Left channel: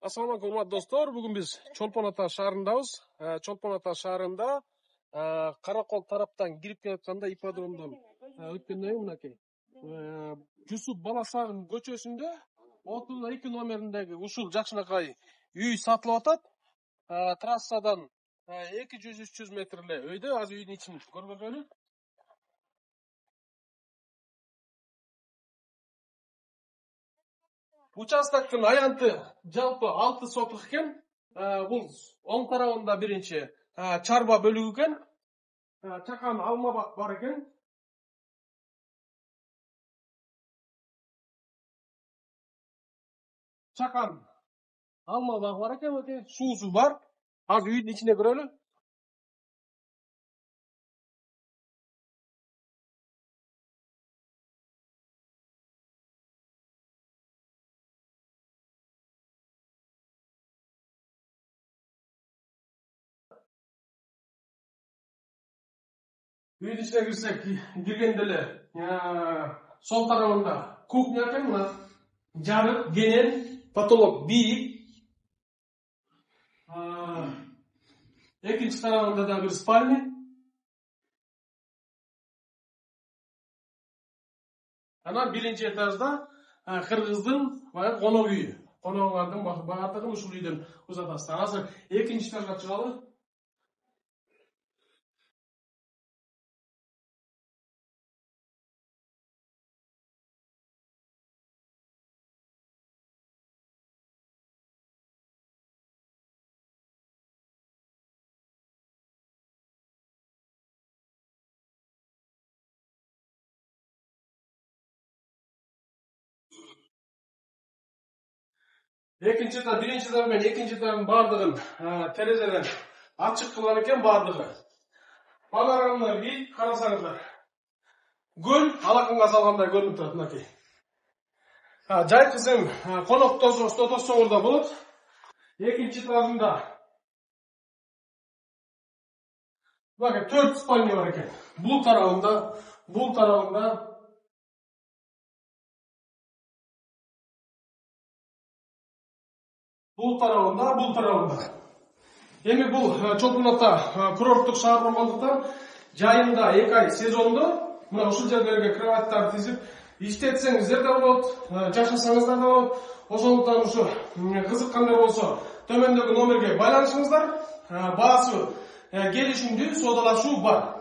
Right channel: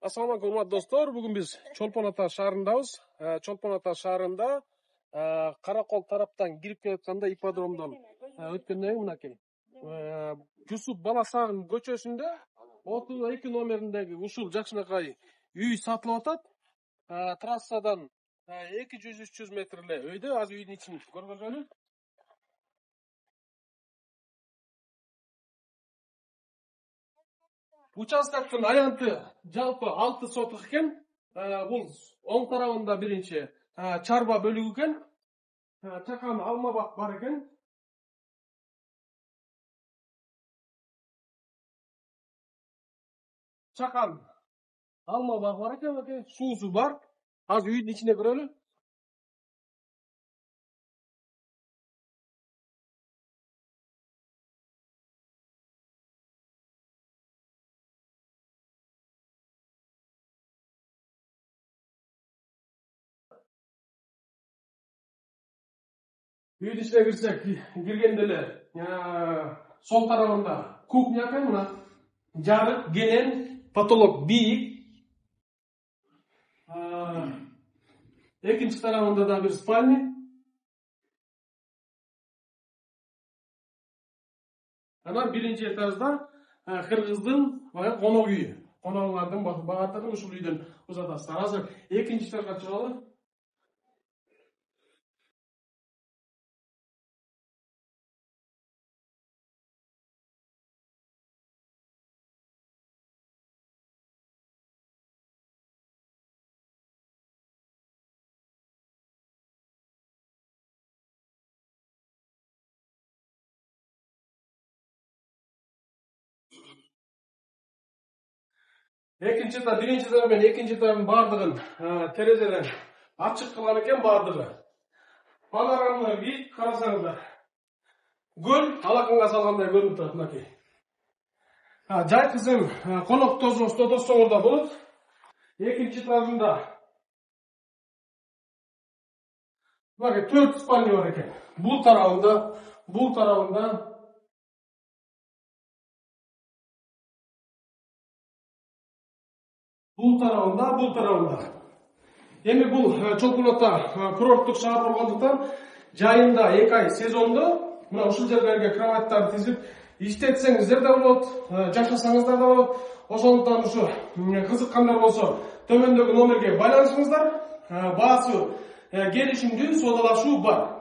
Assalamu alaikum, урматтуу достор. Бүгүн биз Чолпон Ата шаарындабыз. Чолпон Ата шаарында Каракол тараптан кирип келатканда ипподромдон өткөндөн кийин мынакей Жусуп Баласагын көчөсүндө 32 номериндеги ушул жакшынакай үй сатылып атат. Трассадан 200-300 метрле өйдө. Азыр үйдүн ичин көргөзөлү. Участоктун аянты жалпы 6 сотук экен. Бул оң тарабында биринчи чарба бөлүгү экен. Чакан алма бак бар экен. Чакан алма бак бар экен, суусу бар. Азыр үйдүн ичине кирөлү. Үйдүн ичине кирсек, киргенде эле сол тарабында кухня экен, мына жарык, кенен, потолок бийик. Экинчи тарабында да бир спальня. Анан биринчи этажда кыргыздын конок үйү. Коноклордун баардыгын ушул үйдөн узатасыздар. Азыр экинчи этажга чыгалы. Экинчи этаж, биринчи этаж менен экинчи этаждын баардыгын терезеден ачык кылган экен баардыгы. Панорамалар бийик, карасаңыздар. Көл алакынга салгандай көрүнүп турат мынакей. Жай кызым конок тосоңор да болот. Экинчи этажында мынакей 4 спальня бар экен. Бул тарабында, бул тарабында бул тарабында. Эми бул Чолпон Ата курорттук шаар болгондуктан жайында 2 ай сезондо мына ушул жерлерге кроваттарды тизип иштетсеңиздер да болот, жашасаңыздар да болот. Ошондуктан ушу кызыккандар болсо төмөндөгү номерге байланышыңыздар. Баасы келишимдүү, соодалашуу бар.